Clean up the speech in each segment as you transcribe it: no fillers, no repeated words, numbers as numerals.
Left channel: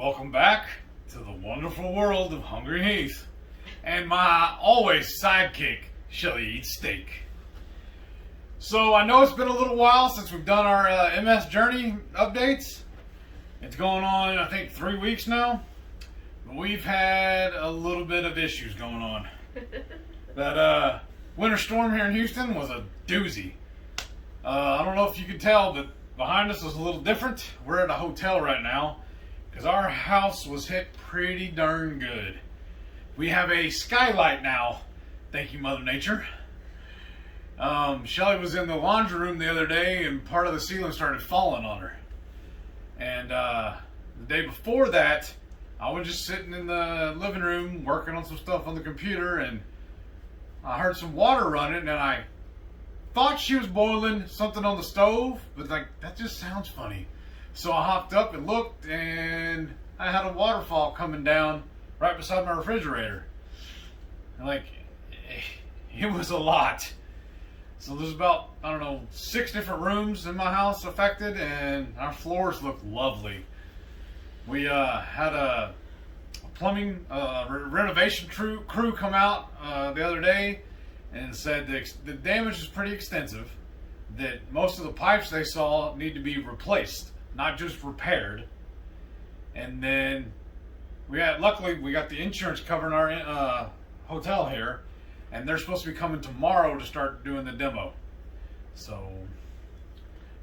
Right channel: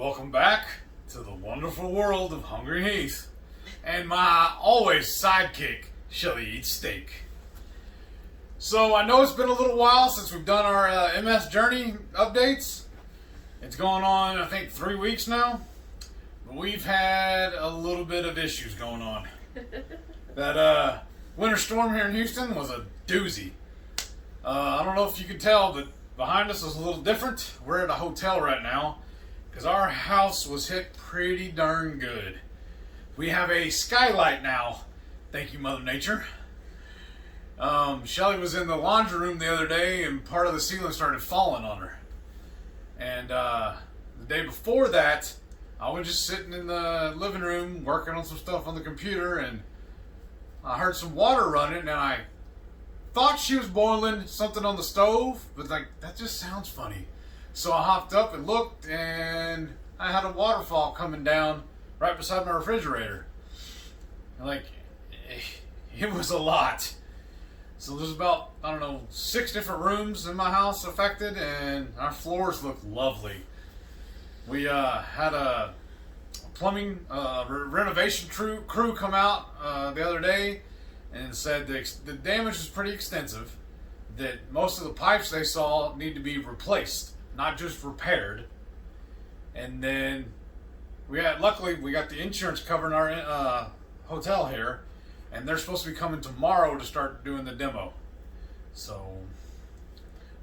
Welcome back to the wonderful world of HungryHeath and my always sidekick, Shelly Eats Steak. So I know it's been a little while since we've done our MS Journey updates. It's going on, I think, 3 weeks now. But we've had a little bit of issues going on. That winter storm here in Houston was a doozy. I don't know if you could tell, but behind us is a little different. We're at a hotel right now because our house was hit pretty darn good. We have a skylight now. Thank you, Mother Nature. Shelly was in the laundry room the other day and part of the ceiling started falling on her. And the day before that, I was just sitting in the living room working on some stuff on the computer and I heard some water running and I thought she was boiling something on the stove, but that just sounds funny. So I hopped up and looked and I had a waterfall coming down right beside my refrigerator. And it was a lot. So there's about, 6 different rooms in my house affected and our floors look lovely. We had a plumbing renovation crew come out the other day and said the damage is pretty extensive, that most of the pipes they saw need to be replaced, not just repaired. And then luckily we got the insurance covering our hotel here, and they're supposed to be coming tomorrow to start doing the demo. So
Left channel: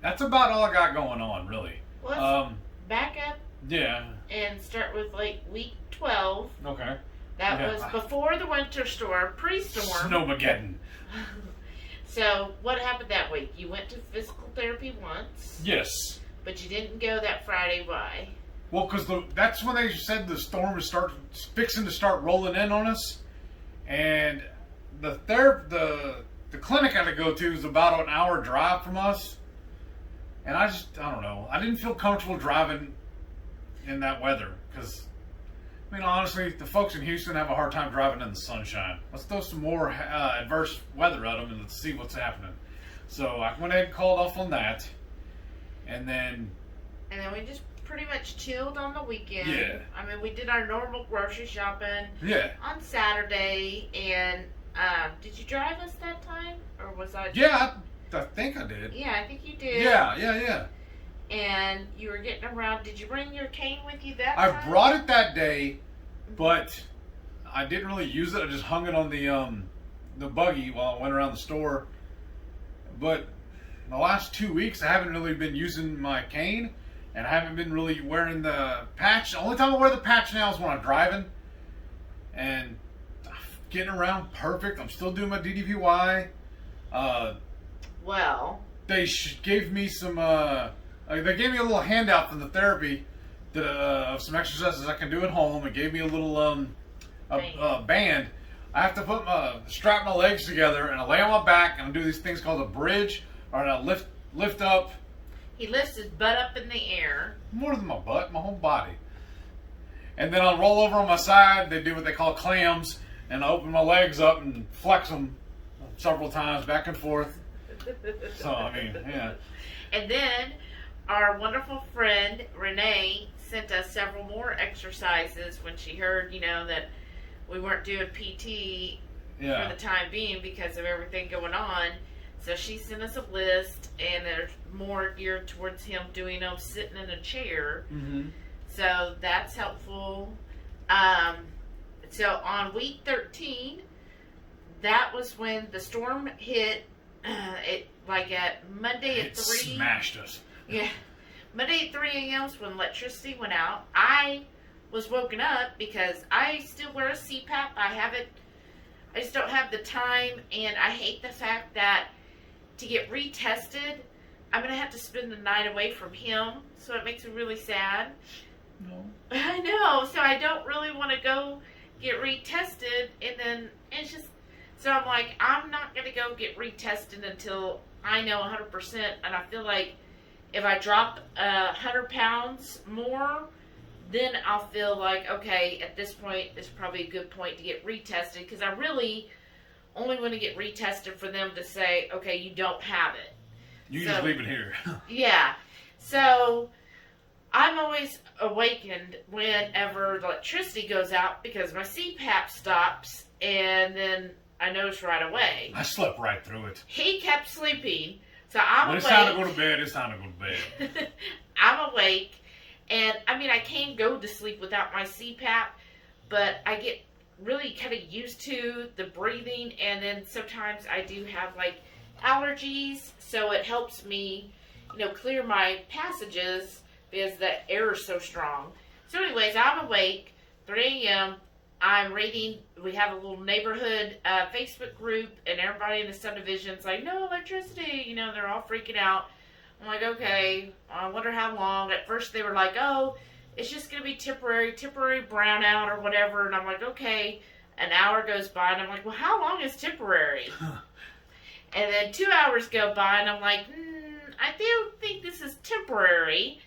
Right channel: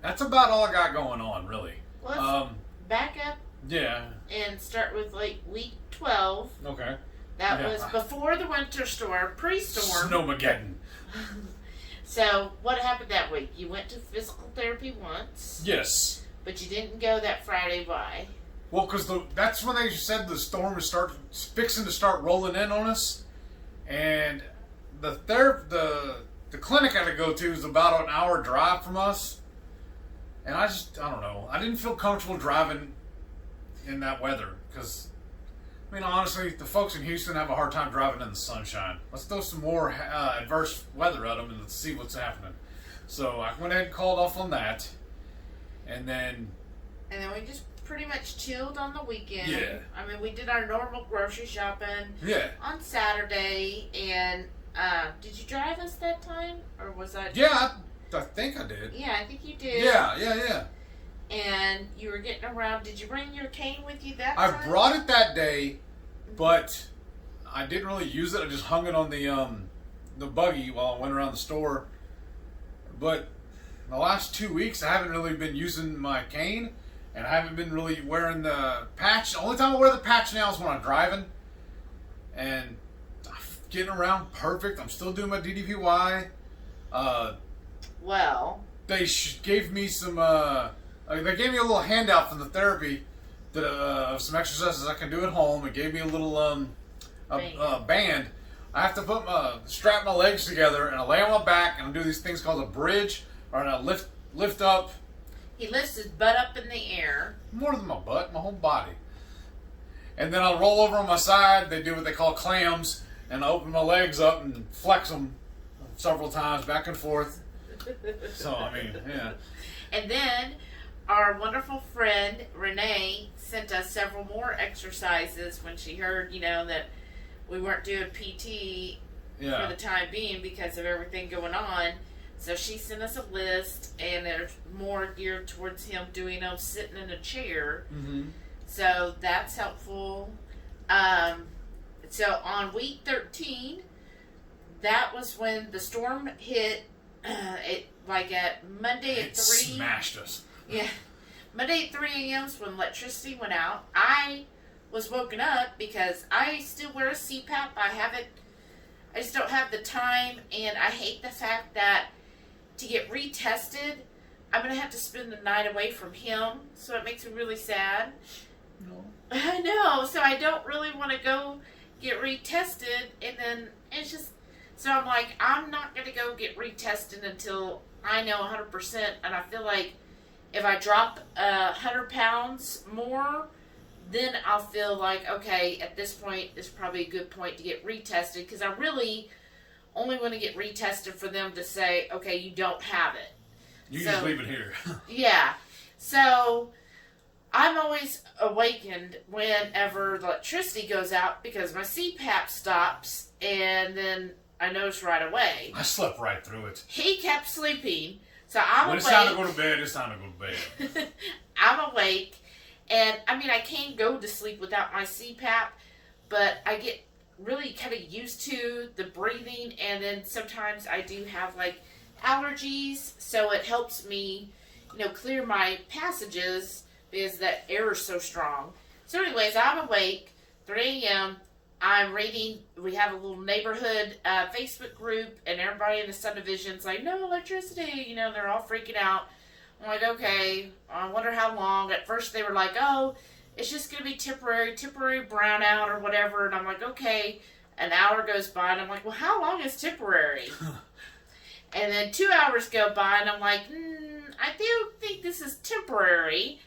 that's about all I got going on, really. Let's back up. Yeah. And start with week 12. Okay. That was before the winter storm, pre-storm. Snowmageddon. So what happened that week? You went to physical therapy once. Yes. But you didn't go that Friday. Why? Well, because that's when they said the storm is fixing to start rolling in on us, and the clinic I had to go to is about an hour drive from us, and I don't know. I didn't feel comfortable driving in that weather because, honestly, the folks in Houston have a hard time driving in the sunshine. Let's throw some more adverse weather at them and let's see what's happening. So I went ahead and called off on that, and then we just pretty much chilled on the weekend. Yeah. We did our normal grocery shopping. Yeah. On Saturday, and did you drive us that time, or was I? Yeah, I think I did. Yeah, I think you did. Yeah. And you were getting around. Did you bring your cane with you that I time? brought it that day, but I didn't really use it. I just hung it on the buggy while I went around the store. But the last 2 weeks, I haven't really been using my cane, and I haven't been really wearing the patch. The only time I wear the patch now is when I'm driving, and I'm getting around perfect. I'm still doing my DDPY. They gave me some. They gave me a little handout from the therapy of some exercises I can do at home. It gave me a little band. I have to strap my legs together and I lay on my back and I do these things called a bridge, or I lift up. He lifts his butt up in the air. More than my butt, my whole body. And then I'll roll over on my side. They do what they call clams, and I open my legs up and flex them several times back and forth. So yeah. And then our wonderful friend Renee sent us several more exercises when she heard, that we weren't doing PT for the time being because of everything going on. So she sent us a list, and there's more geared towards him doing them sitting in a chair. Mm-hmm. So that's helpful. So on week 13, that was when the storm hit. At Monday at 3. It smashed us. Yeah. Monday at 3 a.m. is when electricity went out. I was woken up because I still wear a CPAP. I just don't have the time, and I hate the fact that to get retested, I'm going to have to spend the night away from him, so it makes me really sad. No. I know, so I don't really want to go get retested, and then it's just, so I'm like, I'm not going to go get retested until I know 100%, and I feel like if I drop 100 pounds more, then I'll feel like, okay, at this point, it's probably a good point to get retested, because I really only want to get retested for them to say, okay, you don't have it. You just leave it here. Yeah. So I'm always awakened whenever the electricity goes out because my CPAP stops, and then I notice right away. I slept right through it. He kept sleeping, so I'm when awake. When it's time to go to bed, it's time to go to bed. I'm awake, and I mean, I can't go to sleep without my CPAP, but I get really kind of used to the breathing, and then sometimes I do have like allergies, so it helps me, clear my passages because the air is so strong. So anyways, I'm awake, 3 a.m., I'm reading, we have a little neighborhood Facebook group, and everybody in the subdivision's like, no electricity, they're all freaking out. I'm like, okay, I wonder how long. At first they were like, oh, it's just going to be temporary brownout or whatever. And I'm like, okay. An hour goes by, and I'm like, well, how long is temporary? And then 2 hours go by, and I'm like, I do think this is temporary.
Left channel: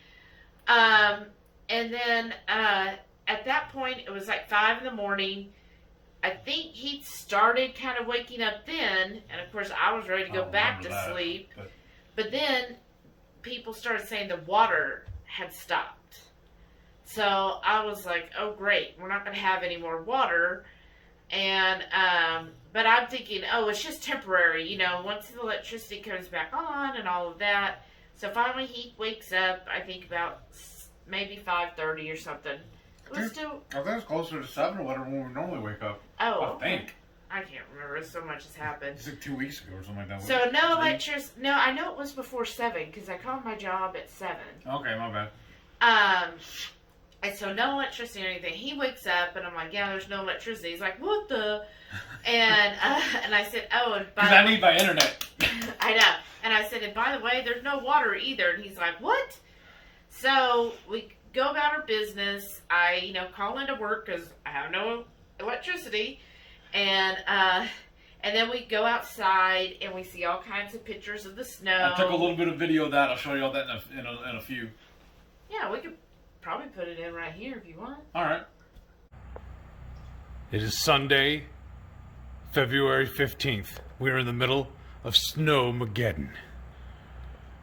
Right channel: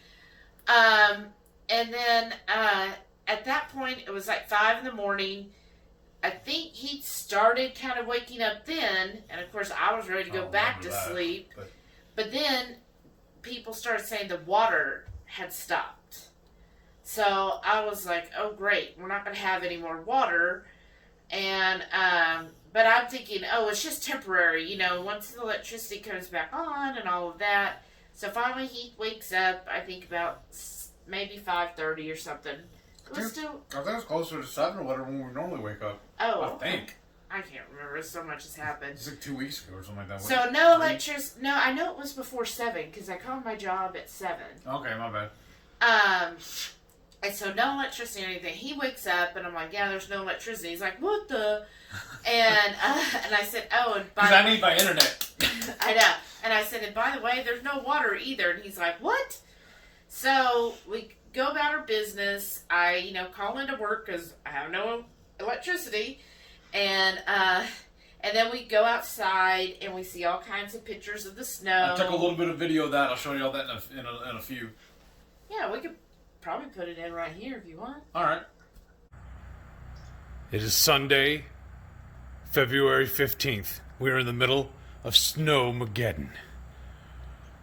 And then at that point, it was like 5 in the morning. I think he started kind of waking up then, and of course, I was ready to go back to sleep. But then people started saying the water had stopped. So I was like, oh, great, we're not going to have any more water. And, but I'm thinking, oh, it's just temporary, once the electricity comes back on and all of that. So finally he wakes up, I think about maybe 5:30 or something. It was still... I think it's closer to 7 or whatever when we normally wake up. Oh, I think. I can't remember. So much has happened. It's like 2 weeks ago or something like that. So no electricity. No, I know it was before 7 because I called my job at 7. Okay, my bad. And so no electricity or anything. He wakes up and I'm like, yeah, there's no electricity. He's like, what the? And I said, oh, and by because I need my internet. I know. And I said, and by the way, there's no water either. And he's like, what? So we go about our business. I, call into work because I have no electricity. And then we go outside and we see all kinds of pictures of the snow. I took a little bit of video of that. I'll show you all that in a few. Yeah, we could probably put it in right here if you want. All right. It is Sunday, February 15th. We are in the middle of Snowmageddon.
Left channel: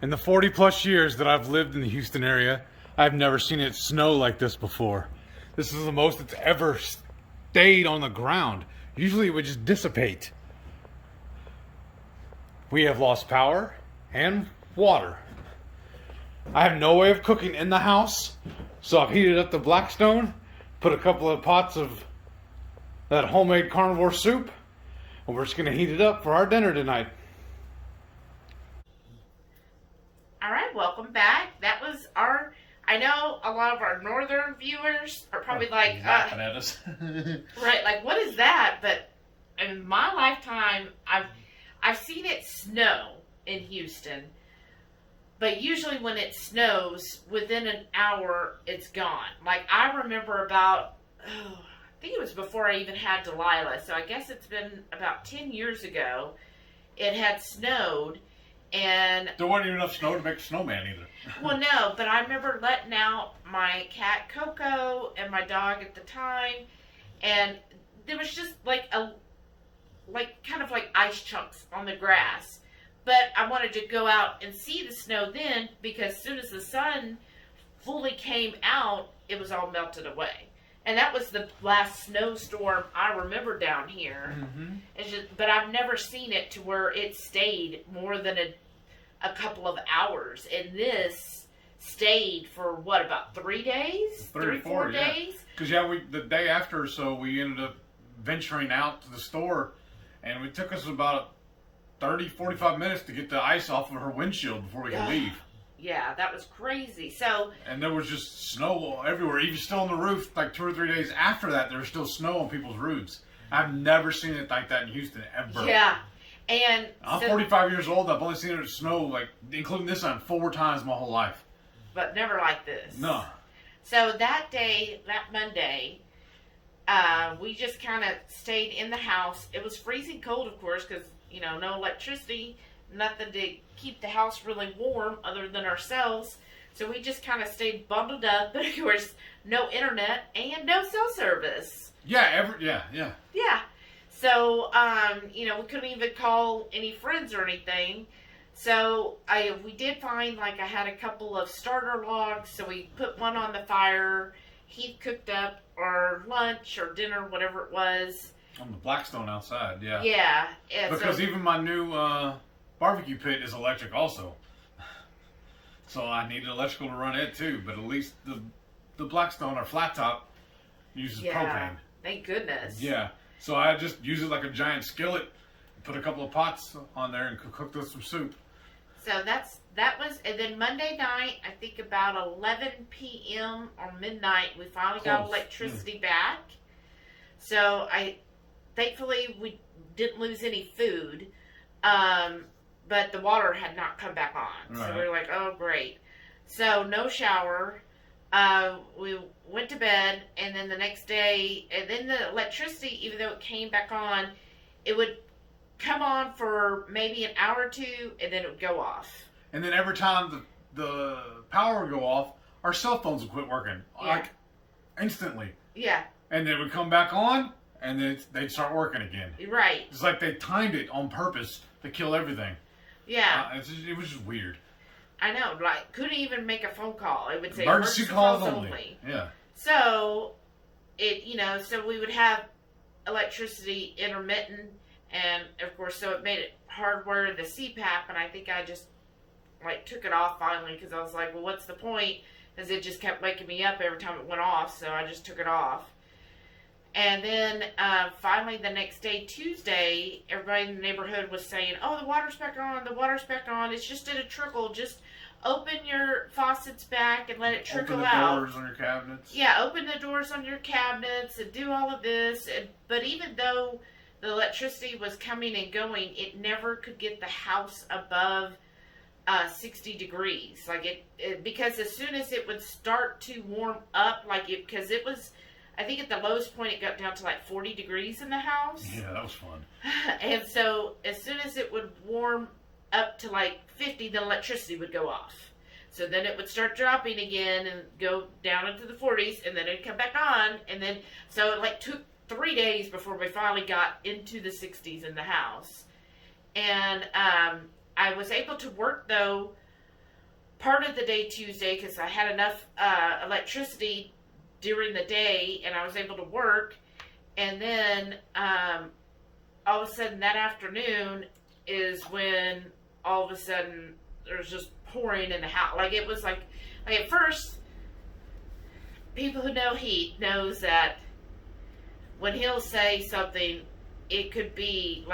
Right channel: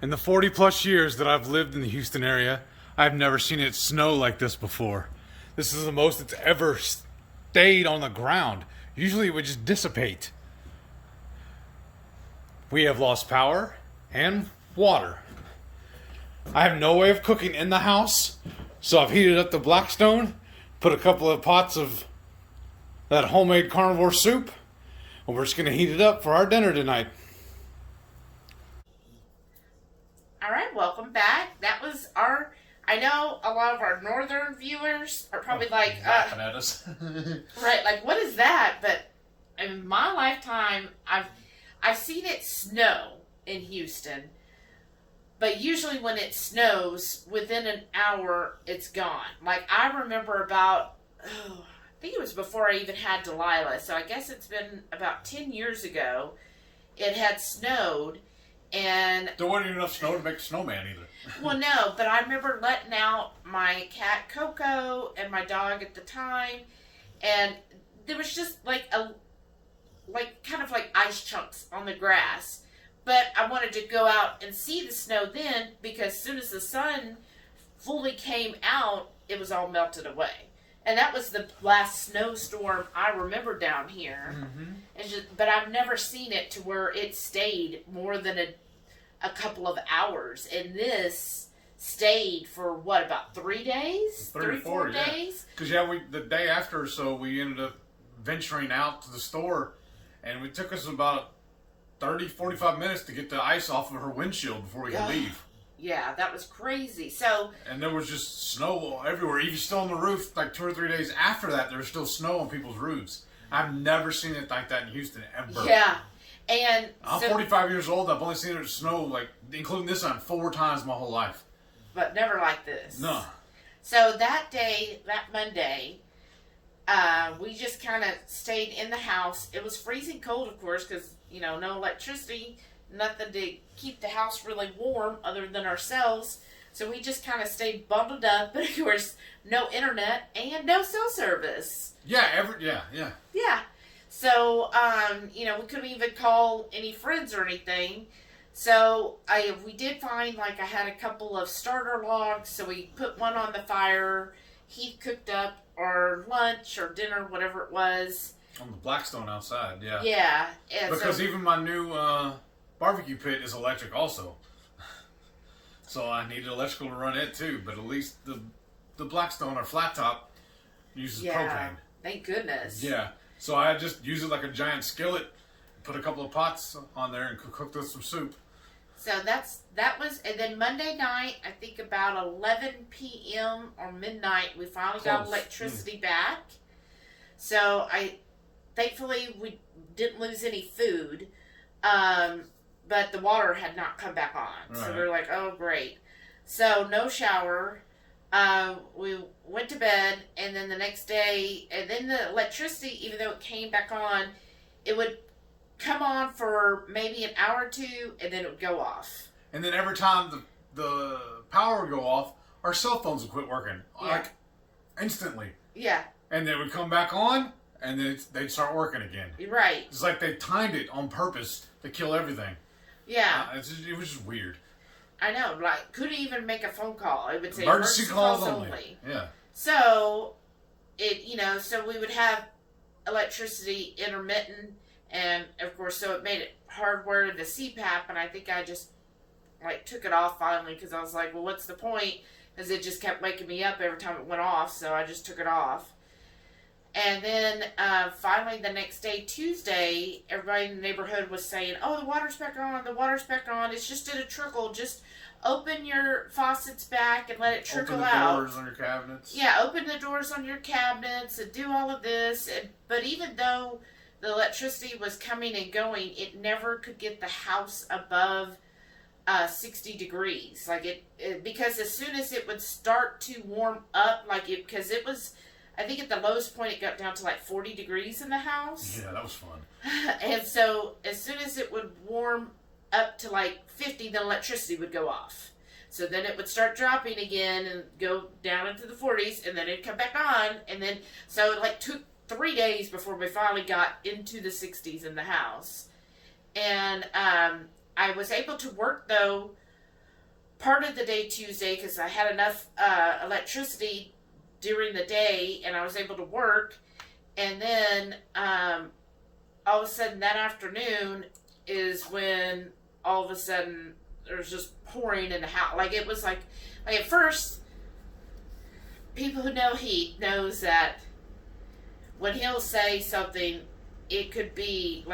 In the 40 plus years that I've lived in the Houston area, I've never seen it snow like this before. This is the most it's ever stayed on the ground. Usually it would just dissipate. We have lost power and water. I have no way of cooking in the house, so I've heated up the Blackstone, put a couple of pots of that homemade carnivore soup, and we're just going to heat it up for our dinner tonight. All right, welcome back. That was our... I know a lot of our northern viewers are probably like... laughing at us. Right, like, what is that? But in my lifetime, I've seen it snow in Houston. But usually when it snows, within an hour, it's gone. Like, I remember about, I think it was before I even had Delilah. So I guess it's been about 10 years ago. It had snowed, and... There wasn't enough snow to make a snowman either. Well, no, but I remember letting out my cat Coco and my dog at the time, and there was just kind of like ice chunks on the grass. But I wanted to go out and see the snow then, because as soon as the sun fully came out, it was all melted away. And that was the last snowstorm I remember down here. Mm-hmm. But I've never seen it to where it stayed more than a couple of hours. And this stayed for, what, about 3 days? 3 or 4 days? Because, the day after or so, we ended up venturing out to the store, and it took us about 30, 45 minutes to get the ice off of her windshield before we could leave. Yeah, that was crazy. So, and there was just snow everywhere. Even still on the roof, like 2 or 3 days after that, there was still snow on people's roofs. I've never seen it like that in Houston, ever. Yeah. And I'm 45 years old. I've only seen it snow, like, including this time, 4 times my whole life. But never like this. No. So that day, that Monday, we just kind of stayed in the house. It was freezing cold, of course, because, no electricity, nothing to keep the house really warm other than ourselves. So we just kind of stayed bundled up. But, of course, no internet and no cell service. Yeah, Yeah. So, we couldn't even call any friends or anything. So we did find, like, I had a couple of starter logs, so we put one on the fire. He cooked up our lunch or dinner, whatever it was. On the Blackstone outside, yeah. Yeah. Because even my new barbecue pit is electric also. So I needed electrical to run it too, but at least the Blackstone or flat top uses propane. Thank goodness. Yeah. So I just use it like a giant skillet, put a couple of pots on there and cooked with some soup. So that was, and then Monday night, I think about 11 p.m. or midnight, we finally got electricity back. So thankfully we didn't lose any food, but the water had not come back on. Right. So we were like, oh great. So no shower. We went to bed, and then the next day, and then the electricity, even though it came back on, it would come on for maybe an hour or two, and then it would go off. And then every time the power would go off, our cell phones would quit working, like instantly. Yeah. And they would come back on, and then they'd start working again. Right. It's like they timed it on purpose to kill everything. Yeah. It was just weird. I know, like, couldn't even make a phone call. It would say emergency calls only. Yeah. So, so we would have electricity intermittent, and of course, so it made it hard wearing the CPAP, and I think I just, took it off finally, because I was like, well, what's the point? Because it just kept waking me up every time it went off, so I just took it off. And then finally the next day, Tuesday, everybody in the neighborhood was saying, oh, the water's back on, it's just in a trickle, just open your faucets back and let it trickle out. Open the doors on your cabinets. Yeah, open the doors on your cabinets and do all of this. But even though the electricity was coming and going, it never could get the house above 60 degrees. Because as soon as it would start to warm up, because it was, I think at the lowest point it got down to 40 degrees in the house. Yeah, that was fun. And so as soon as it would warm up to 50, the electricity would go off. So then it would start dropping again and go down into the 40s, and then it'd come back on. And then, so it took 3 days before we finally got into the 60s in the house. And I was able to work, though, part of the day Tuesday, because I had enough electricity during the day, and I was able to work. And then all of a sudden that afternoon is when all of a sudden there's just pouring in the house. It was like at first, people who know Heath knows that when he'll say something, it could be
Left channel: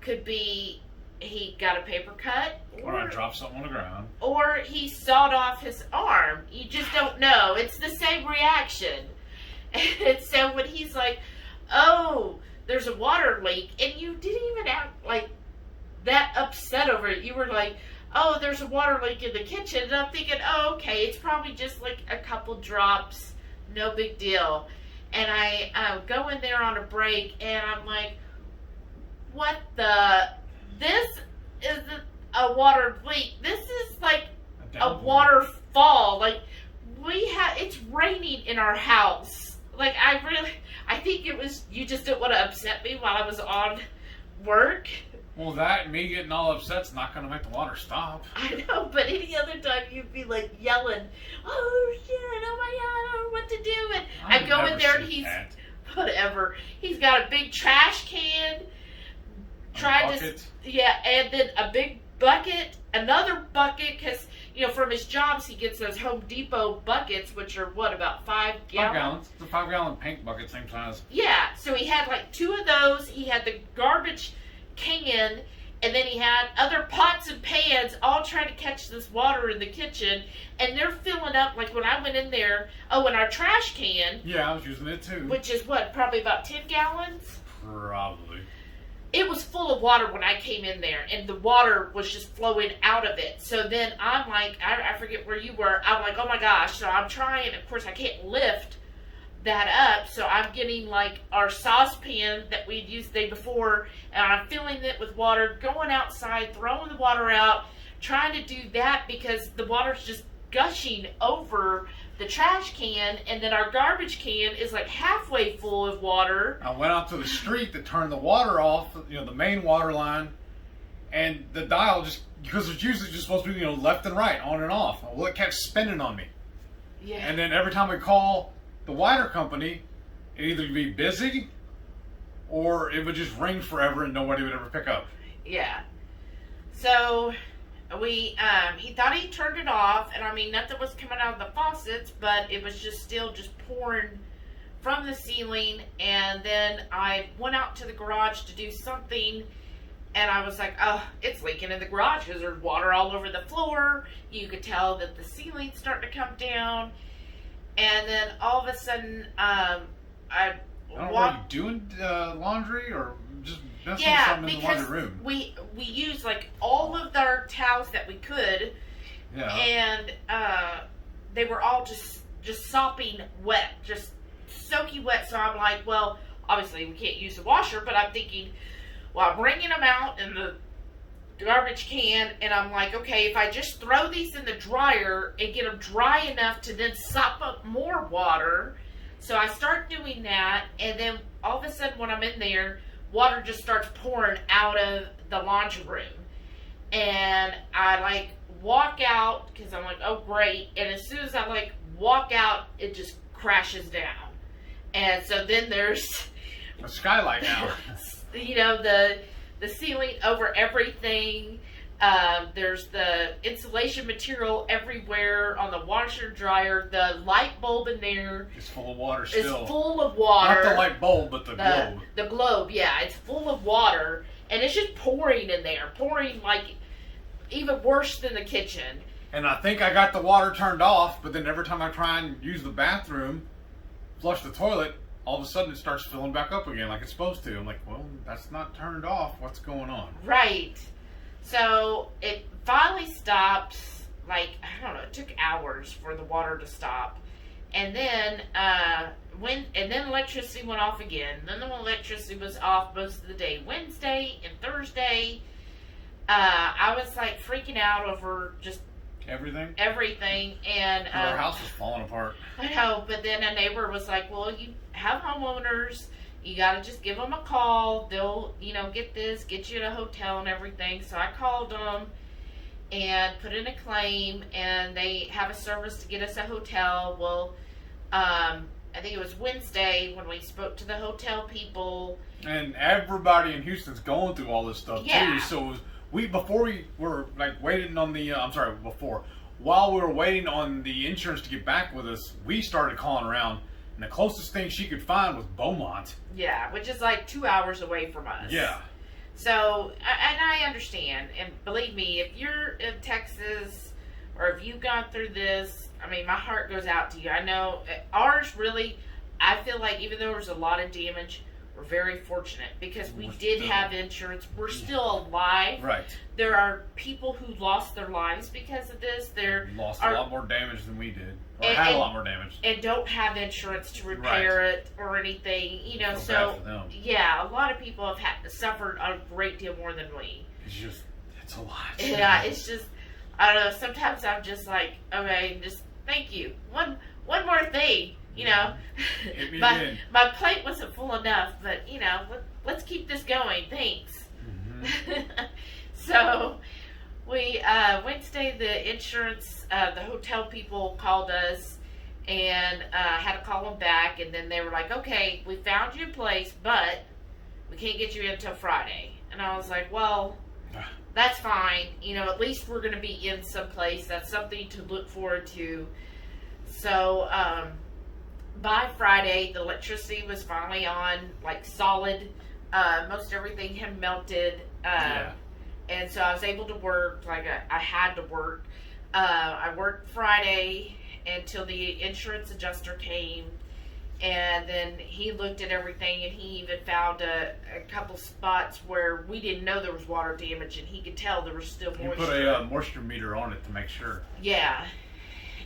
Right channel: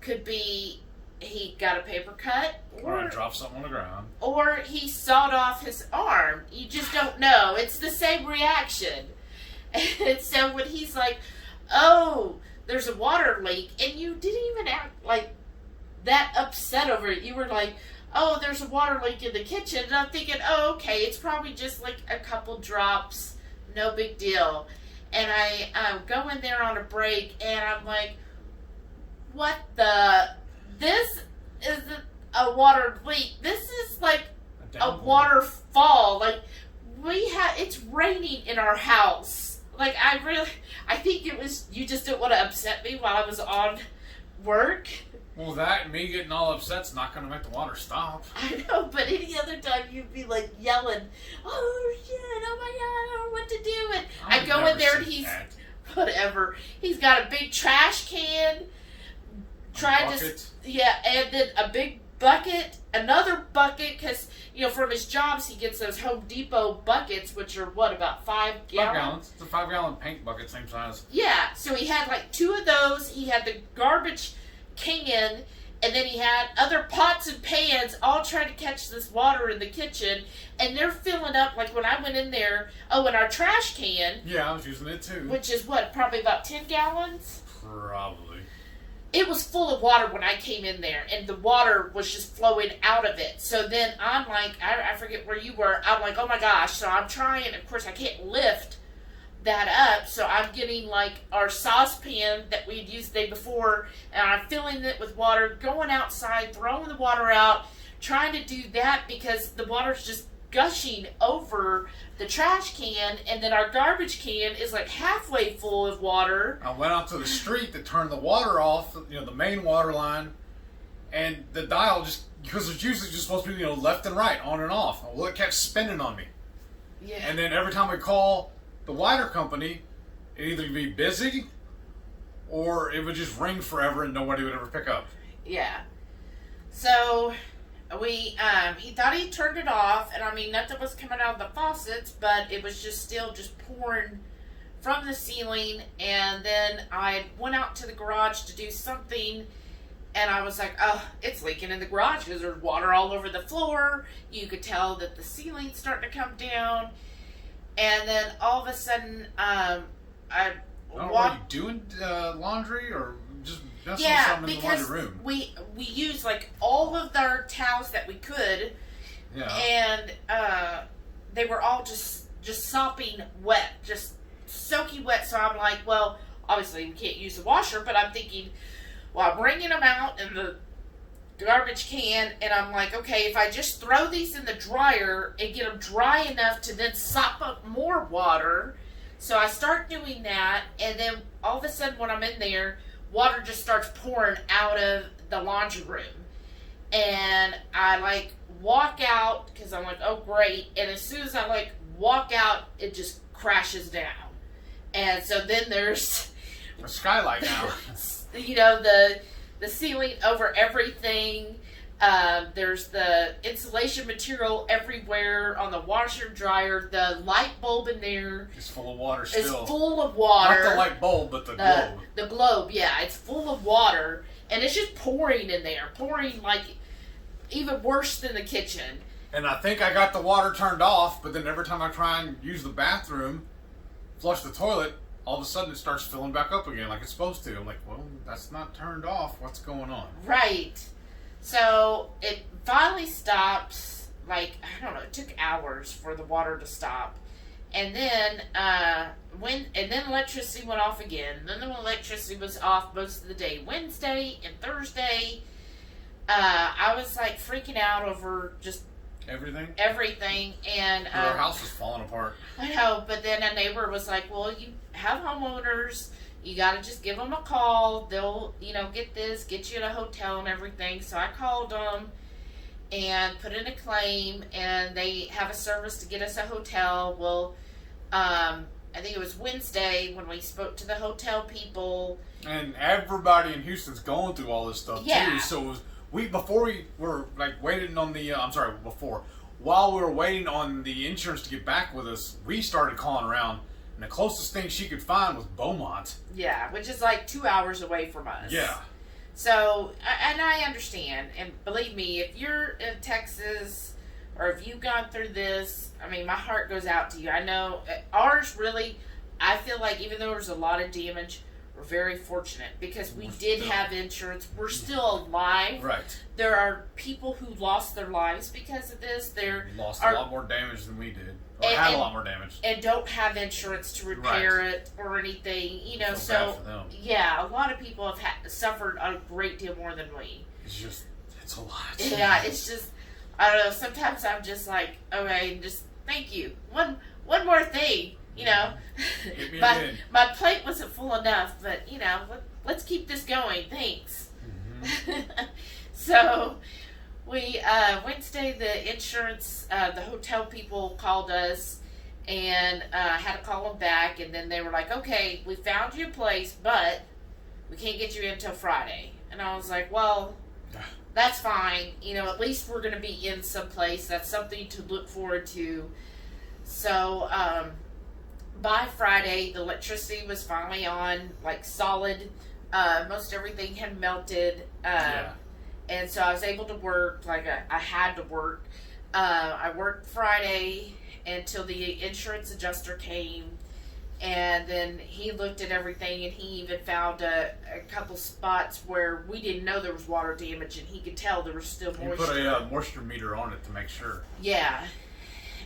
could be he got a paper cut, or I dropped something on the ground, or he sawed off his arm. You just don't know. It's the same reaction. And so when he's like, oh, there's a water leak, and you didn't even act that upset over it. You were like, oh, there's a water leak in the kitchen. And I'm thinking, oh, okay, it's probably just a couple drops, no big deal. And I go in there on a break, and I'm like, what the? This isn't a water leak. This is a waterfall. It's raining in our house. I think it was, you just didn't want to upset me while I was on work. Well, that, me getting all upset's not going to make the water stop. I know, but any other time you'd be yelling, oh shit, oh my god, I don't know what to do. And I go in there and he's, whatever, he's got a big trash can, and then a big bucket, another bucket, because, from his jobs, he gets those Home Depot buckets, which are, about 5 gallons? 5 gallons. It's a 5-gallon paint bucket, same size. Yeah, so he had 2 of those. He had the garbage can, and then he had other pots and pans all trying to catch this water in the kitchen, and they're filling up, when I went in there, and our trash can. Yeah, I was using it too. Which is probably about 10 gallons? Probably. It was full of water when I came in there, and the water was just flowing out of it. So then I'm I forget where you were. I'm oh my gosh. So I'm trying. Of course, I can't lift that up. So I'm getting our saucepan that we had used the day before, and I'm filling it with water, going outside, throwing the water out, trying to do that because the water's just gushing over the trash can, and then our garbage can is halfway full of water. I went out to the street to turn the water off, the main water line, And the dial just, because it's usually just supposed to be, left and right, on and off. Well, it kept spinning on me. Yeah. And then every time we call the wire company, it'd either be busy or it would just ring forever and nobody would ever pick up. Yeah. So he thought he turned it off, and I mean, nothing was coming out of the faucets, but it was just still just pouring from the ceiling. And then I went out to the garage to do something, and I was like, oh, it's leaking in the garage because there's water all over the floor. You could tell that the ceiling's starting to come down. And then all of a sudden, I don't know, were you doing laundry or just messing with something in the laundry room? We used like all of our towels that we could, and they were all just sopping wet, just soaking wet. So I'm like, well, obviously we can't use the washer, but I'm thinking, well, I'm bringing them out in the garbage can, and I'm like, okay, if I just throw these in the dryer and get them dry enough to then sop up more water. So I start doing that, and then all of a sudden when I'm in there, water just starts pouring out of the laundry room. And I like walk out because I'm like, oh great. And as soon as I like walk out, it just crashes down. And so then there's a skylight now. The ceiling over everything. There's the insulation material everywhere on the washer and dryer. The light bulb in there is full of water still. It's full of water. Not the light bulb, but the globe. The globe, yeah. It's full of water. And it's just pouring in there. Pouring like even worse than the kitchen. And I think I got the water turned off, but then every time I try and use the bathroom, flush the toilet, all of a sudden it starts filling back up again like it's supposed to. I'm like, well, that's not turned off. What's going on? Right. So it finally stops. Like, I don't know, it took hours for the water to stop. And then electricity went off again. Then the electricity was off most of the day. Wednesday and Thursday, I was like freaking out over just everything. And our house was falling apart. I know, but then a neighbor was like, well, you have homeowners, you got to just give them a call. They'll, get you in a hotel and everything. So I called them and put in a claim, and they have a service to get us a hotel. Well, I think it was Wednesday when we spoke to the hotel people. And everybody in Houston's going through all this stuff too. So it was, while we were waiting on the insurance to get back with us, we started calling around. And the closest thing she could find was Beaumont. Yeah, which is like 2 hours away from us. Yeah. So, and I understand. And believe me, if you're in Texas or if you've gone through this, I mean, my heart goes out to you. I know ours really, I feel like even though there's a lot of damage, we're very fortunate because we did have insurance. We're still alive. Right. There are people who lost their lives because of this. They're lost a lot more damage than we did. Or had a lot more damage. And don't have insurance to repair it or anything. Bad for them. Yeah, a lot of people have suffered a great deal more than we. It's a lot. Yeah, it's just, I don't know, sometimes I'm just like, okay, just thank you. One more thing. Hit me again. My plate wasn't full enough, but let's keep this going. Thanks. Mm-hmm. So Wednesday, the insurance, the hotel people called us and had to call them back, and then they were like, okay, we found you a place, but we can't get you in until Friday. And I was like, well, that's fine. At least we're going to be in some place. That's something to look forward to. So by Friday, the electricity was finally on, like solid. Most everything had melted. And so I was able to work, like I had to work. I worked Friday until the insurance adjuster came. And then he looked at everything, and he even found a couple spots where we didn't know there was water damage, and he could tell there was still moisture. He put a moisture meter on it to make sure. Yeah.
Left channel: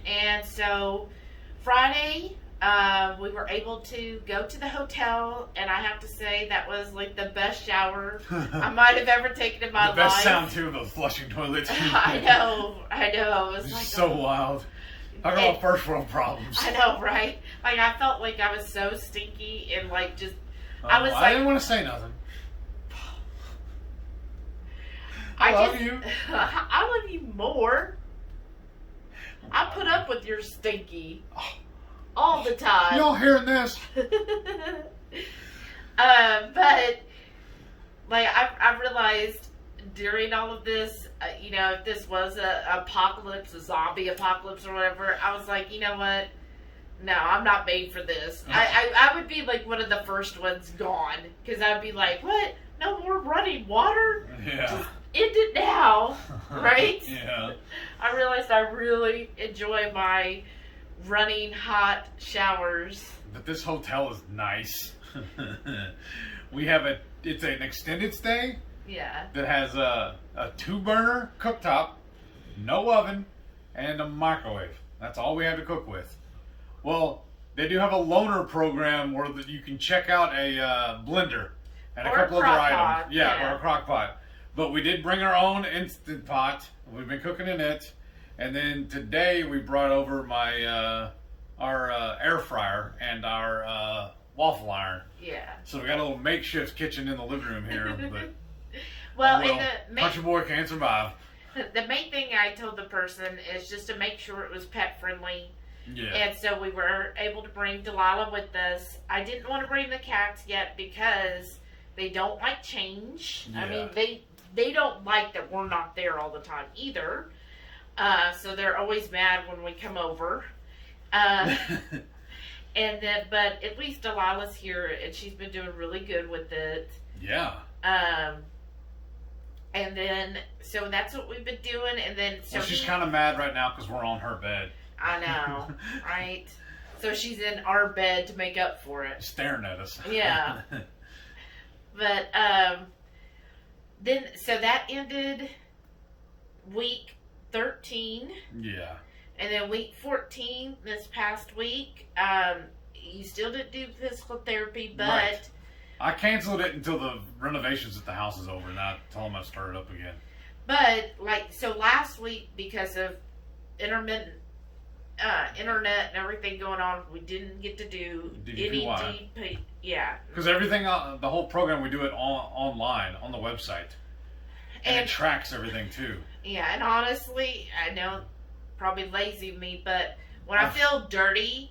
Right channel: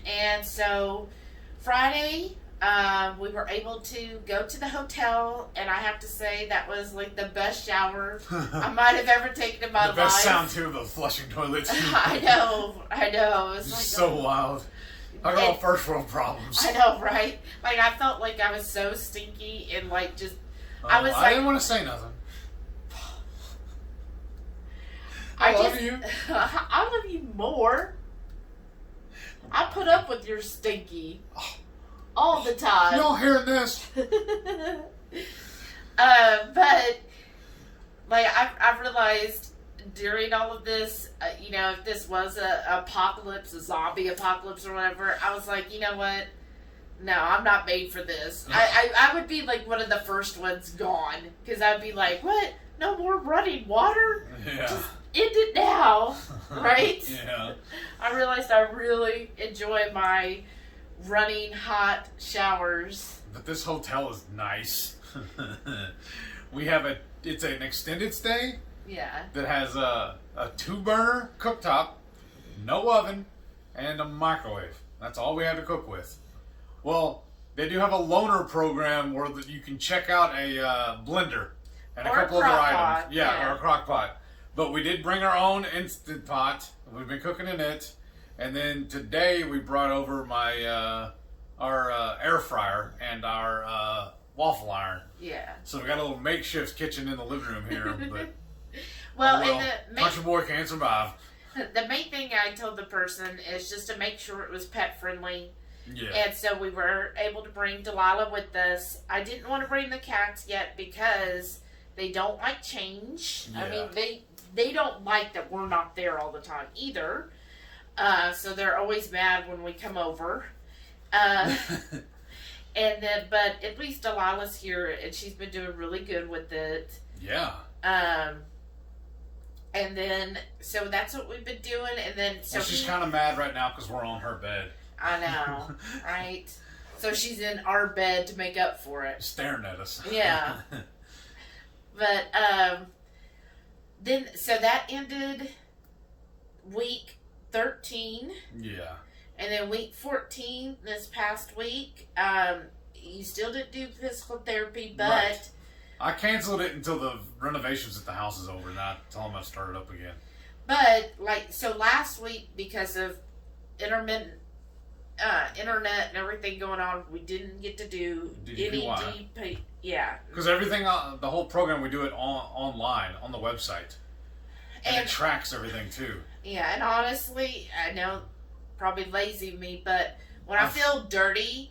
And so Friday, we were able to go to the hotel, and I have to say that was like the best shower I might have ever taken in my life. The best sound too, the flushing toilets. I know. It was like so wild. I got all first world problems. I know, right? Like I felt like I was so stinky and like just. I didn't want to say nothing. I love you. I love you more. I put up with your stinky all the time. Y'all hearing this? But like I've realized during all of this, if this was a zombie apocalypse or whatever, I was like, you know what? No, I'm not made for this. I would be like one of the first ones gone because I'd be like, what? No more running water? Yeah. Just end it now, right? Yeah. I realized I really enjoy my running hot showers. But this hotel is nice. We have it's an extended stay. Yeah. That has a 2-burner cooktop, no oven, and a microwave. That's all we have to cook with. Well, they do have a loaner program where you can check out a blender and a couple other items. Yeah, or a crock pot. But we did bring our own Instant Pot. We've been cooking in it. And then today we brought over our air fryer and our waffle iron. Yeah. So we got a little makeshift kitchen in the living room here. But well, country boy can't survive. The main thing I told the person is just to make sure it was pet friendly. Yeah. And so we were able to bring Delilah with us. I didn't want to bring the cats yet because they don't like change. Yeah. I mean, they don't like that we're not there all the time either. So they're always mad when we come over. And then, but at least Delilah's here and she's been doing really good with it. Yeah. And then, so that's what we've been doing. And then, so she's kind of mad right now because we're on her bed. I know, right? So she's in our bed to make up for it. Staring at us. Yeah. But, then, so that ended week 13. Yeah. And then week 14, this past week, you still didn't do physical therapy, but... Right. I canceled it until the renovations at the house is over, and I told them I'd start it up again. But, so last week, because of intermittent internet and everything going on, we didn't get to do DDPY. any DP. Yeah. Because everything, the whole program, we do it online, on the website. And it tracks everything, too. Yeah, and honestly, I know, probably lazy of me, but when I feel dirty,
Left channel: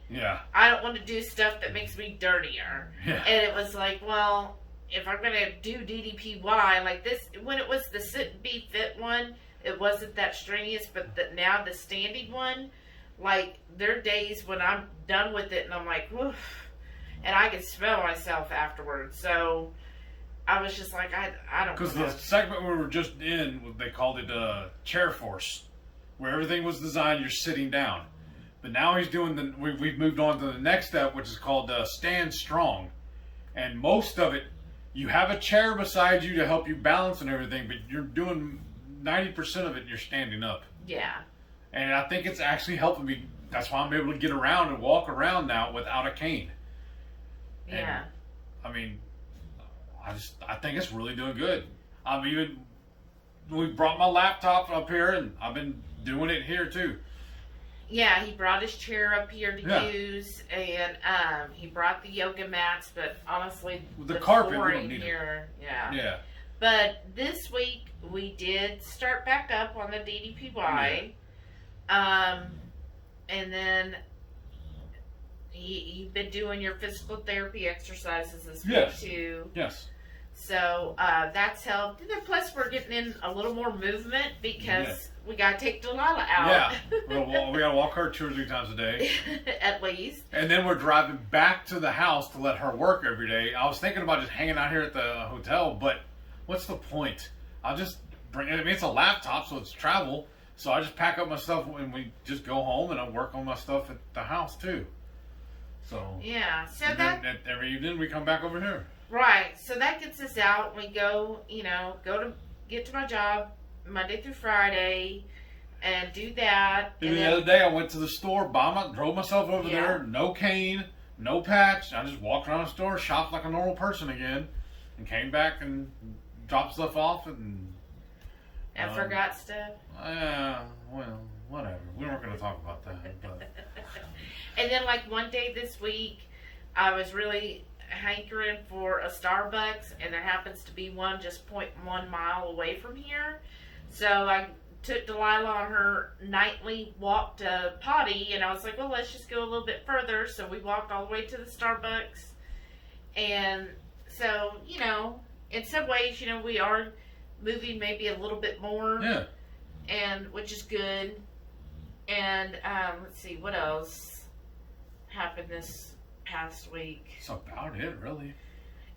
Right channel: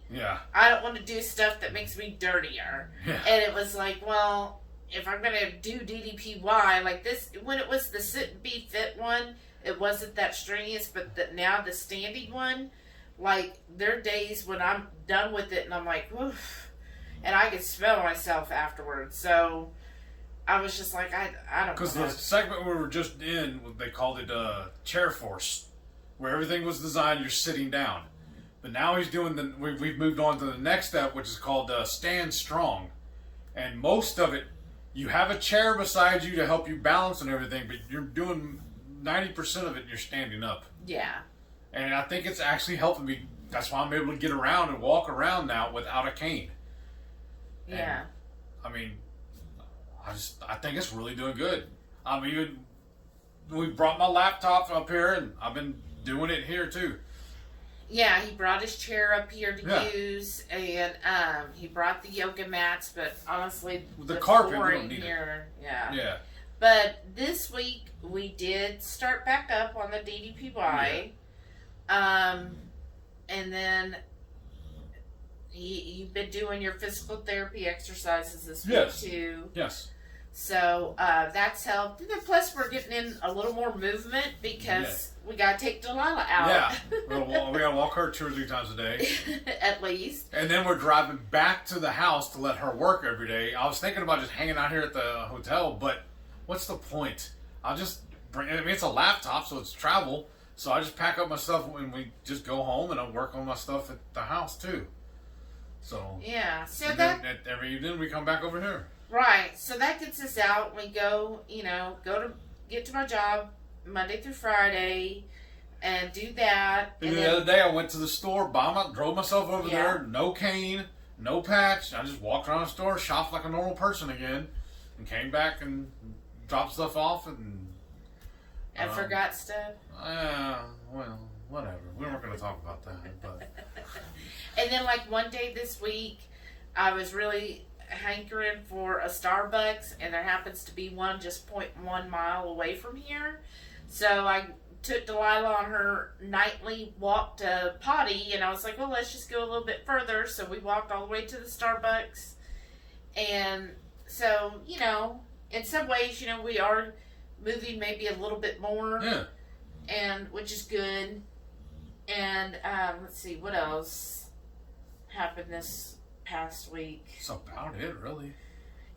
I don't want to do stuff that makes me dirtier. Yeah. And it was like, well, if I'm going to do DDPY, like this, when it was the sit and be fit one, it wasn't that strenuous, but now the standing one, like, there are days when I'm done with it and I'm like, woof, and I can smell myself afterwards. So I was just like, I don't know. Because the segment we were just in, they called it Chair Force, where everything was designed, you're sitting down. But now he's doing we've moved on to the next step, which is called Stand Strong. And most of it, you have a chair beside you to help you balance and everything, but you're doing 90% of it and you're standing up. Yeah. And I think it's actually helping me. That's why I'm able to get around and walk around now without a cane. Yeah. And, I mean, I think it's really doing good. We brought my laptop up here and I've been doing it here too. Yeah, he brought his chair up here to use, and he brought the yoga mats, but honestly, the carpet, we flooring don't need here, it. Yeah. But this week, we did start back up on the DDPY. And then you've been doing your physical therapy exercises this week too. Yes. So that's helped. And then plus we're getting in a little more movement because we got to take Delilah out. Yeah. We got to walk her 2 or 3 times a day. At least. And then we're driving back to the house to let her work every day. I was thinking about just hanging out here at the hotel, but what's the point? I'll just it's a laptop, so it's travel. So I just pack up my stuff and we just go home and I work on my stuff at the house too. So yeah, so every evening we come back over here. Right, so that gets us out. We go, get to my job Monday through Friday and do that. And the other day I went to the store, drove myself over there, no cane, no patch. I just walked around the store, shopped like a normal person again, and came back and dropped stuff off and forgot stuff. Well, whatever. We weren't going to talk about that. But and then, like one day this week, I was really hankering for a Starbucks, and there happens to be one just 0.1 mile away from here. So I took Delilah on her nightly walk to potty, and I was like, well, let's just go a little bit further. So we walked all the way to the Starbucks. And so, you know, in some ways, you know, we are moving maybe a little bit more. Yeah. And which is good. And let's see, what else happened this past week? That's about it, really.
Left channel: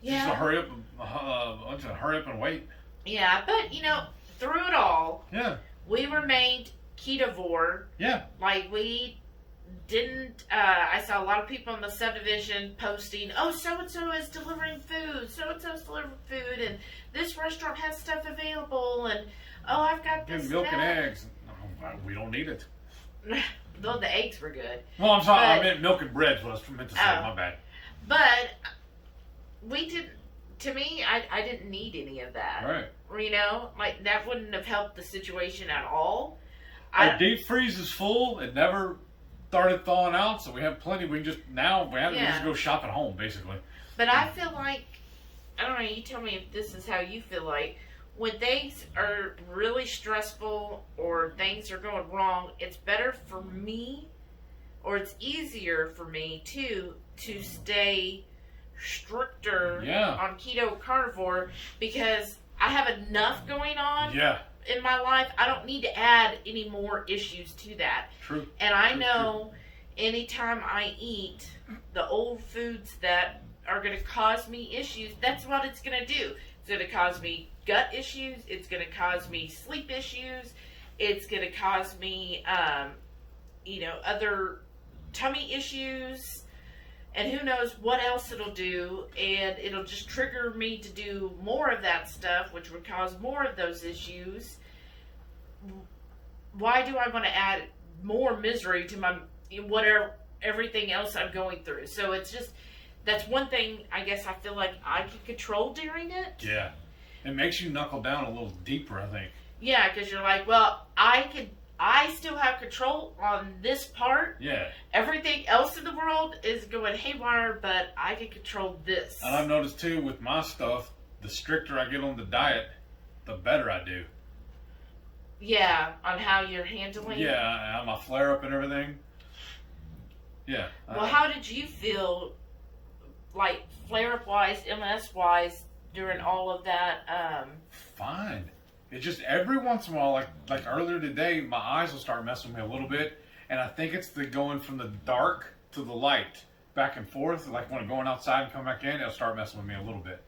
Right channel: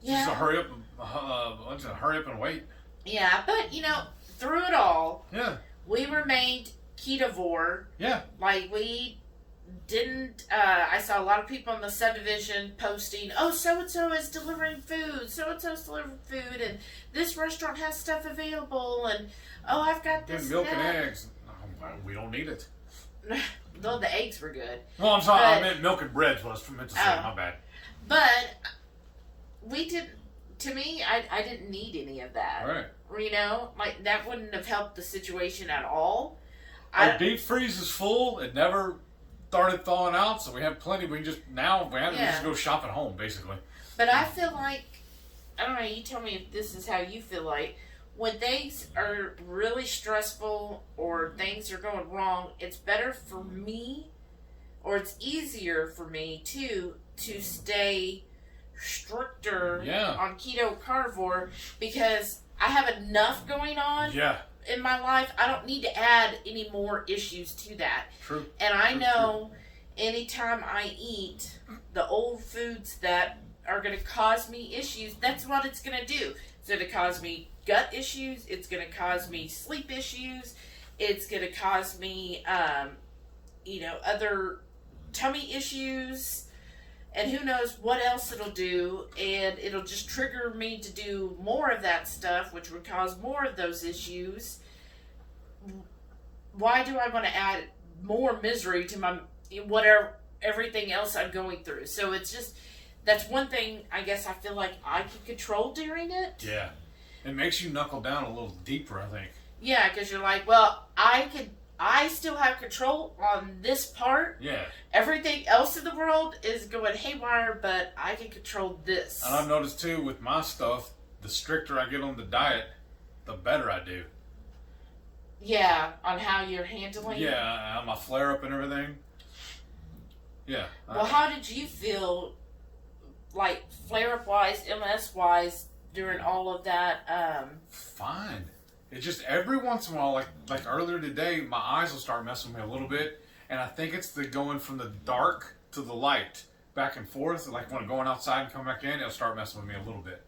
Yeah. Just a hurry up and wait. Yeah, but you know, through it all, Yeah. we remained ketovore. Yeah. Like we didn't. I saw a lot of people in the subdivision posting, "Oh, so and so is delivering food. So and so is delivering food, and this restaurant has stuff available." And oh, I've got this. Milk and eggs. Oh, we don't need it. Though the eggs were good. Well, I'm sorry. But, I meant milk and bread's what I was meant to say. My bad. But we didn't. To me, I didn't need any of that. Right. You know, like that wouldn't have helped the situation at all. Our deep freeze is full. It never started thawing out, so we have plenty. We can just just go shop at home, basically. But I feel like, I don't know. You tell me if this is how you feel like. When things are really stressful or things are going wrong, it's better for me, or it's easier for me too, to stay stricter on keto carnivore because I have enough going on in my life. I don't need to add any more issues to that. True. And I know anytime I eat the old foods that are going to cause me issues, that's what it's going to do. It's going to cause me gut issues. It's going to cause me sleep issues. It's going to cause me, other tummy issues. And who knows what else it'll do. And it'll just trigger me to do more of that stuff, which would cause more of those issues. Why do I want to add more misery to my everything else I'm going through? So it's just, that's one thing I guess I feel like I can control during it. Yeah. It makes you knuckle down a little deeper, I think. Yeah, because you're like, well, I still have control on this part. Yeah. Everything else in the world is going haywire, but I can control this. And I've noticed too with my stuff, the stricter I get on the diet, the better I do. Yeah, on how you're handling it. Yeah, on my flare up and everything. Yeah. Well, how did you feel, like flare up wise, MS wise, during all of that? Fine. It's just every once in a while, like earlier today, my eyes will start messing with me a little bit, and I think it's the going from the dark to the light, back and forth. Like when I'm going outside and come back in, it'll start messing with me a little bit.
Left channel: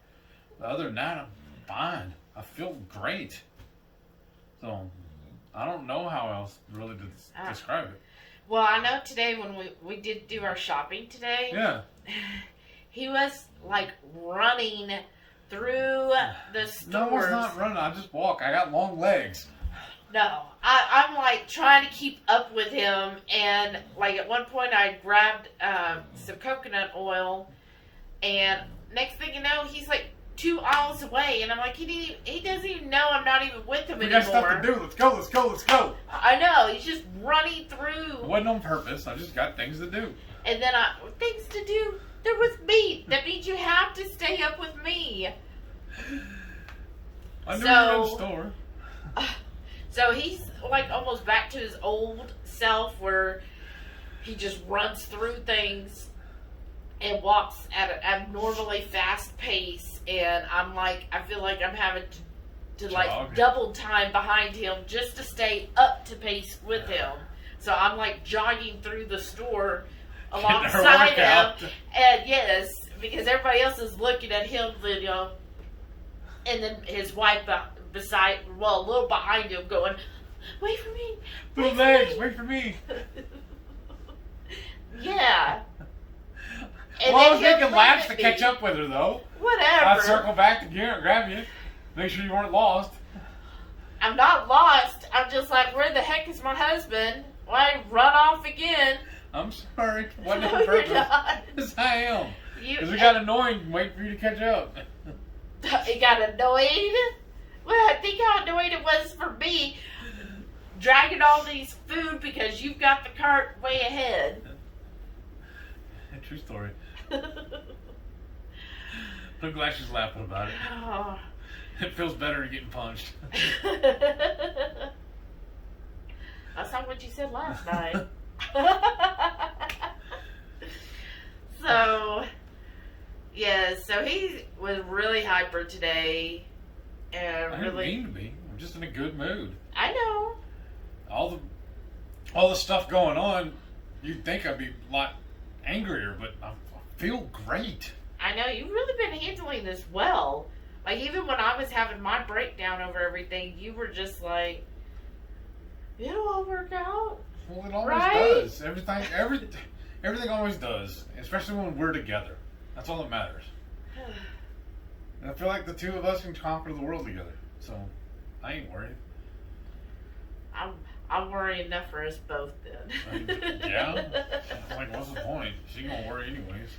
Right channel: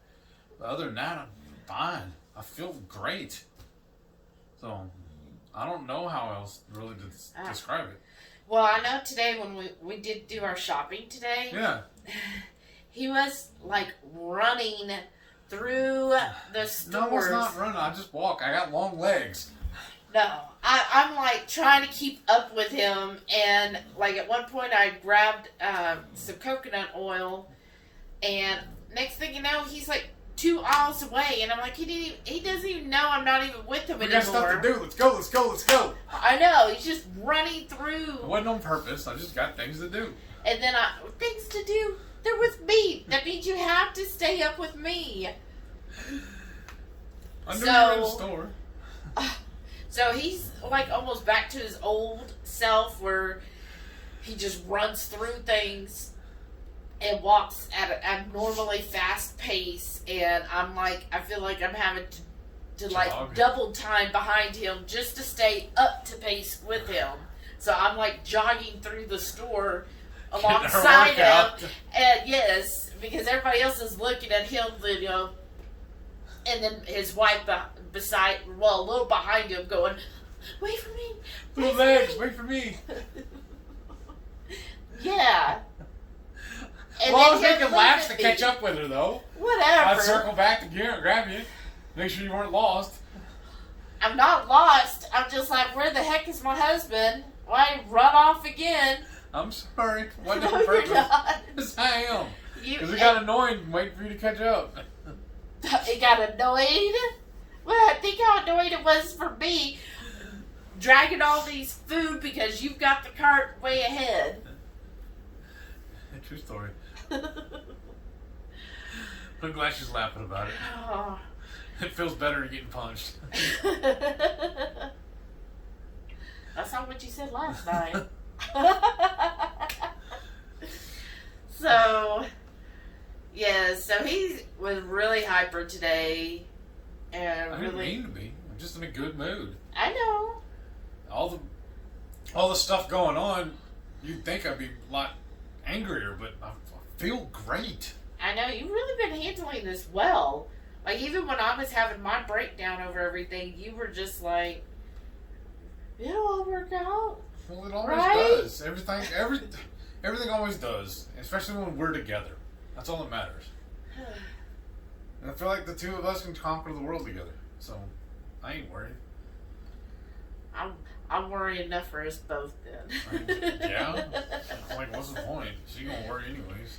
But other than that, I'm fine. I feel great. So I don't know how else really to describe it. Well, I know today when we did do our shopping today. Yeah. He was like running through the stores. No, I was not running. I just walk. I got long legs. No, I'm like trying to keep up with him, and like at one point I grabbed some coconut oil, and next thing you know, he's like 2 aisles away, and I'm like, he doesn't even know I'm not even with him anymore. We got stuff to do. Let's go. I know, he's just running through. It wasn't on purpose. I just got things to do. And then things to do. They're with me. That means you have to stay up with me. I knew you were in the store. So he's like almost back to his old self where he just runs through things and walks at an abnormally fast pace. And I'm like, I feel like I'm having to like double time behind him just to stay up to pace with him. So I'm like jogging through the store alongside him, and yes, because everybody else is looking at him, you know, and then his wife a little behind him, going, "Wait for me, wait for me." Yeah. And well, I was making laps to catch up with her, though. Whatever. I'd circle back to grab you, make sure you weren't lost. I'm not lost. I'm just like, where the heck is my husband? Why run off again? I'm sorry. Wasn't on purpose. Yes, I am. Because it got annoying waiting for you to catch up. It got annoyed? Well, I think how annoyed it was for me dragging all these food because you've got the cart way ahead. True story. I'm glad she's laughing about it. Oh. It feels better than getting punched. That's not what you said last night. So, yeah, so he was really hyper today. And I didn't mean to be. I'm just in a good mood. I know. All the stuff going on, you'd think I'd be a lot angrier, but I feel great. I know, you've really been handling this well. Like, even when I was having my breakdown over everything, you were just like, it'll all work out. Well, it always right? does. Everything always does, especially when we're together. That's all that matters. And I feel like the two of us can conquer the world together. So, I ain't worried. I'm worrying enough for us both then. Yeah? Like, what's the point? She gonna worry anyways.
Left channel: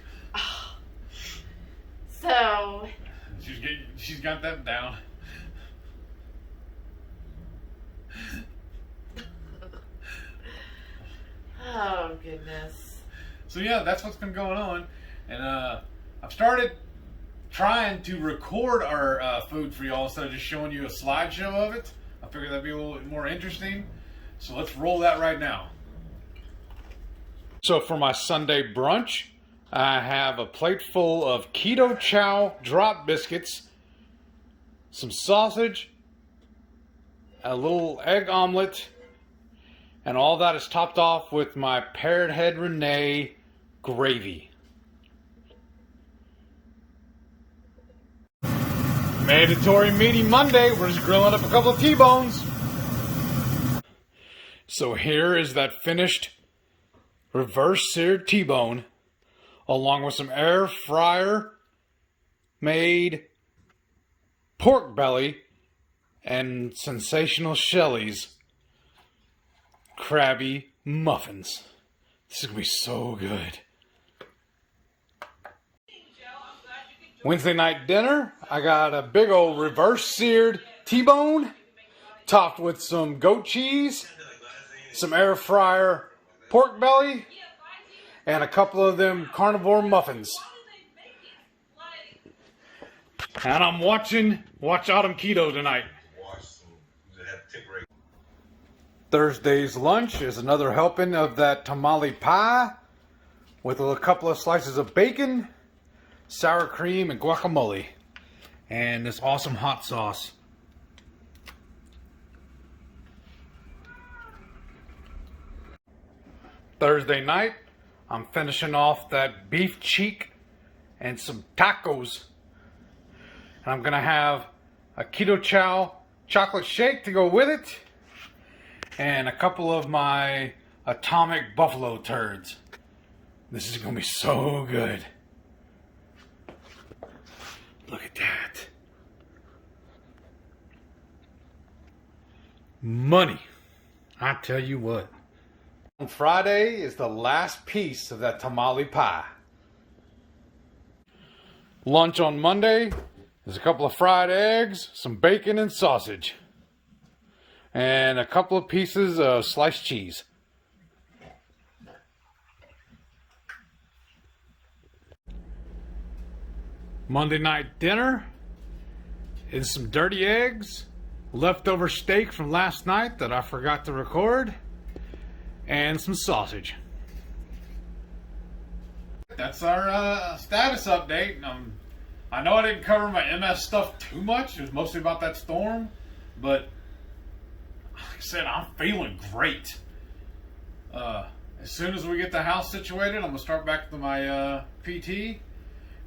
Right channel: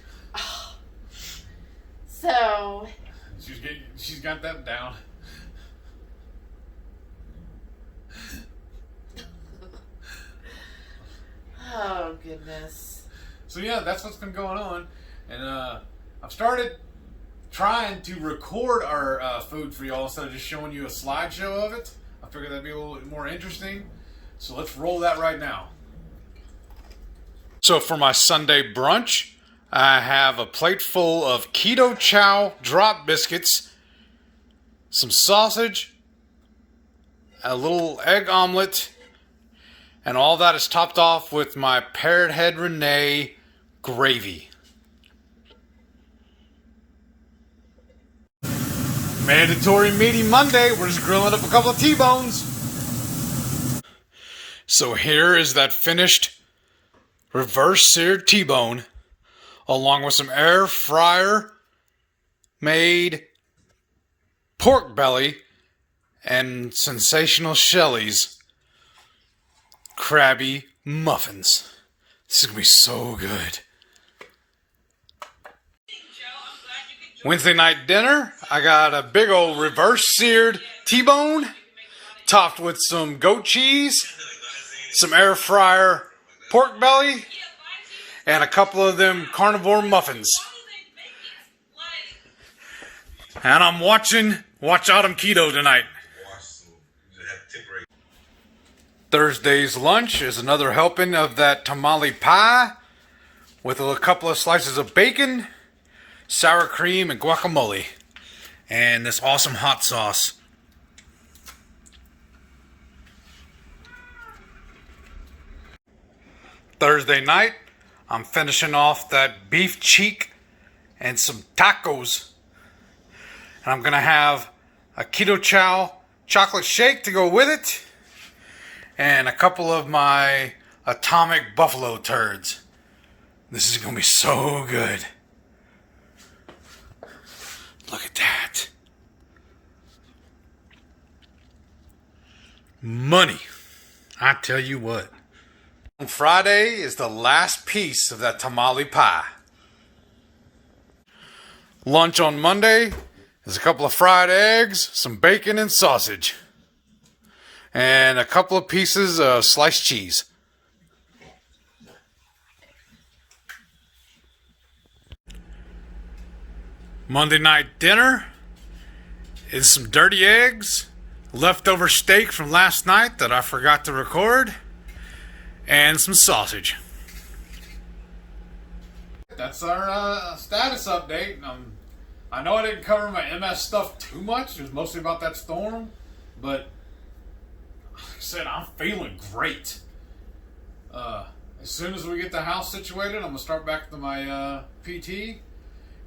So... She's got that down. Oh, goodness. So yeah, that's what's been going on. And I've started trying to record our food for y'all instead of just showing you a slideshow of it. I figured that'd be a little bit more interesting. So let's roll that right now. So for my Sunday brunch, I have a plate full of Ketochow drop biscuits, some sausage, a little egg omelet, and all that is topped off with my Parrot Head Renee gravy. Mandatory meaty Monday. We're just grilling up a couple of T-bones. So here is that finished reverse seared T-bone, along with some air fryer made pork belly and sensational Shelly's Krabby muffins. This is gonna be so good. Wednesday night dinner, I got a big old reverse seared T-bone topped with some goat cheese, some air fryer pork belly, and a couple of them carnivore muffins. And I'm watching Watch Autumn Keto tonight. Thursday's lunch is another helping of that tamale pie with a couple of slices of bacon, sour cream, and guacamole. And this awesome hot sauce. Thursday night, I'm finishing off that beef cheek and some tacos. And I'm going to have a Ketochow chocolate shake to go with it. And a couple of my atomic buffalo turds. This is going to be so good. Look at that. Money. I tell you what. On Friday is the last piece of that tamale pie. Lunch on Monday is a couple of fried eggs, some bacon and sausage, and a couple of pieces of sliced cheese. Monday night dinner is some dirty eggs, leftover steak from last night that I forgot to record, and some sausage. That's our status update. I know I didn't cover my MS stuff too much. It was mostly about that storm. But, like I said, I'm feeling great. As soon as we get the house situated, I'm going to start back to my PT.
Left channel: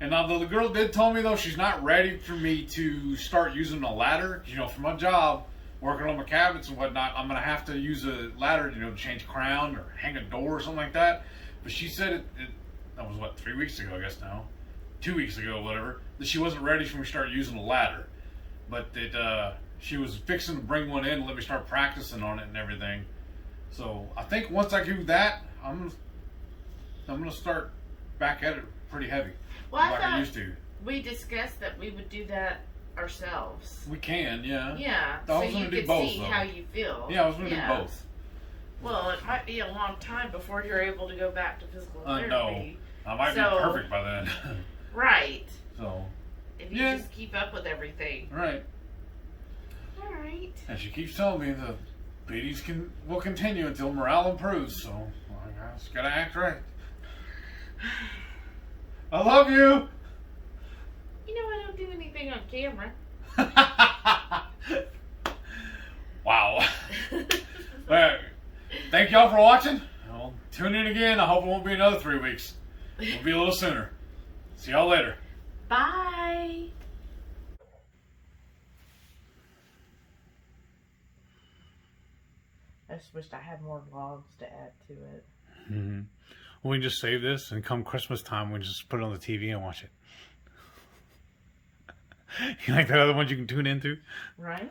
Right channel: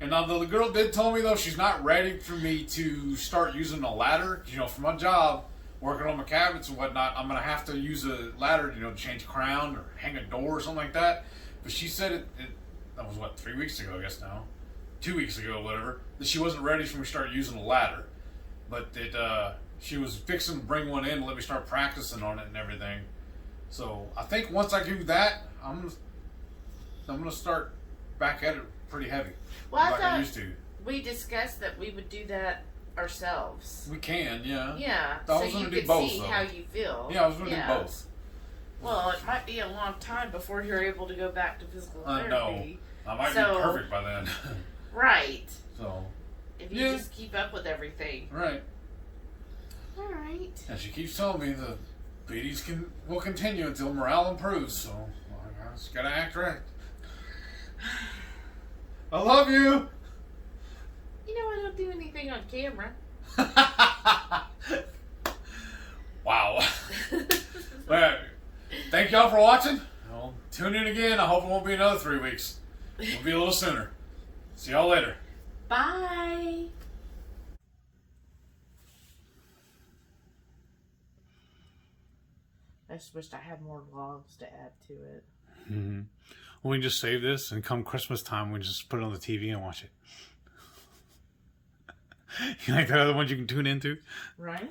And now the girl did tell me, though, she's not ready for me to start using a ladder. You know, for my job, working on my cabinets and whatnot, I'm going to have to use a ladder, you know, to change crown or hang a door or something like that. But she said that was, what, 3 weeks ago, I guess now. 2 weeks ago, whatever, that she wasn't ready for me to start using a ladder. But that she was fixing to bring one in and let me start practicing on it and everything. So I think once I do that, I'm gonna start back at it pretty heavy. Well, like I used to. We discussed that we would do that ourselves. We can, yeah. Yeah. I was gonna do both, see though. how you feel. Yeah, I was gonna do both. Well, it might be a long time before you're able to go back to physical therapy. No, I might be perfect by then. Right. So. if you just keep up with everything. Right. All right. And she keeps telling me the beaties will continue until morale improves, so I just gotta act right. I love you! You know I don't do anything on camera. Wow. Alright. Thank y'all for watching. I'll tune in again. I hope it won't be another 3 weeks. It'll be a little sooner. See y'all later. Bye. I just wished I had more vlogs to add to it. Mm-hmm. Well, we can just save this, and come Christmas time, we can just put it on the TV and watch it. You like that other ones you can tune into? Right?